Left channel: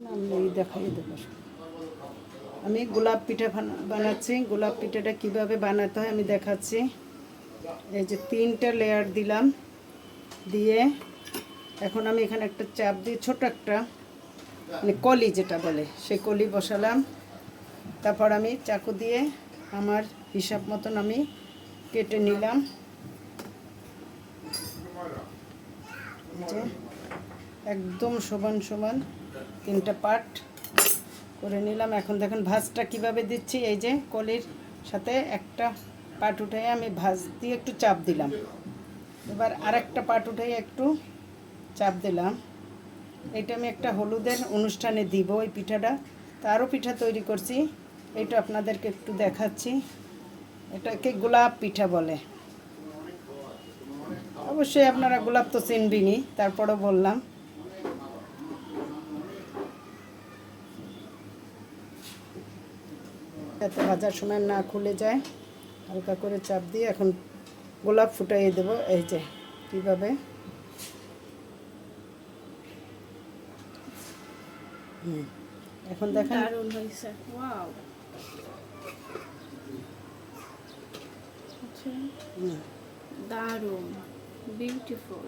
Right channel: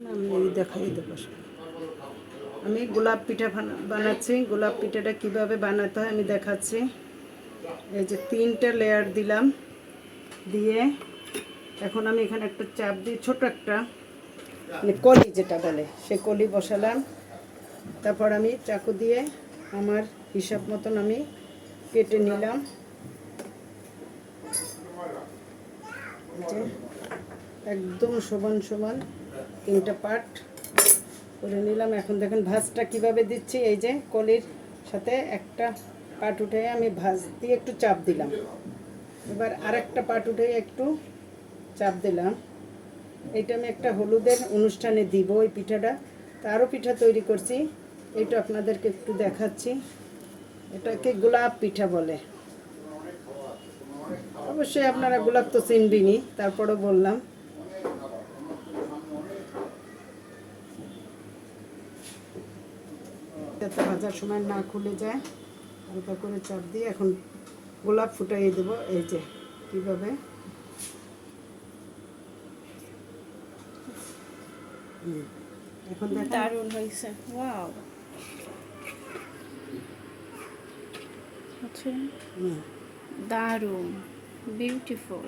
আমি দেখাই দেবো। আমি গোলাপ পিঠা বানাচ্ছি। গোলাপ পিঠাটা কিভাবে বানাতে হয় আমি দেখাচ্ছি। এই যে 3টা লেয়ার দিলাম, দিয়ে এখন আমি এখানে একটা চাপ দিয়ে ছোট একটা মানে কলি যেটা বলে সেই কলি বসালাম। তারপর আমি চাকু দিয়ে আমার হিসাব মতন আমি কেটে নিলাম। যে একদম সমান সমান 3টা পার্ট করে নিলাম। এখন দেখুন ভাঁজটা কিভাবে দিচ্ছি। এই যে কলির সাথে একটা পার্ট উঠে আমি ভাঁজ দিয়ে একটু চাপ দিলাম, এবার আরেকটা পার্ট উঠে একটু চাপ দিলাম। এটা আমি একটা হলুদের অনুষ্ঠানে দিব এই পিঠাটা। তারও পিঠা তৈরি করছি, এটা আপনাদেরকে একটু দেখাচ্ছি। এটাকে গোলাপ পিঠা বলে। অবশ্যই আপনারা গোলাপ তো চিনবেনই, তারপরও বললাম। যাতে ভাজার সময় না খুলে যায়, হালকা করে চাপ দিয়ে এখন গোলাপ ফুটাইয়ে দেবো। এই যে কীভাবে এখন দেখেন দারুণ হয়েছে। ওয়াও, আচ্ছা, দারুণ, বিউটিফুল।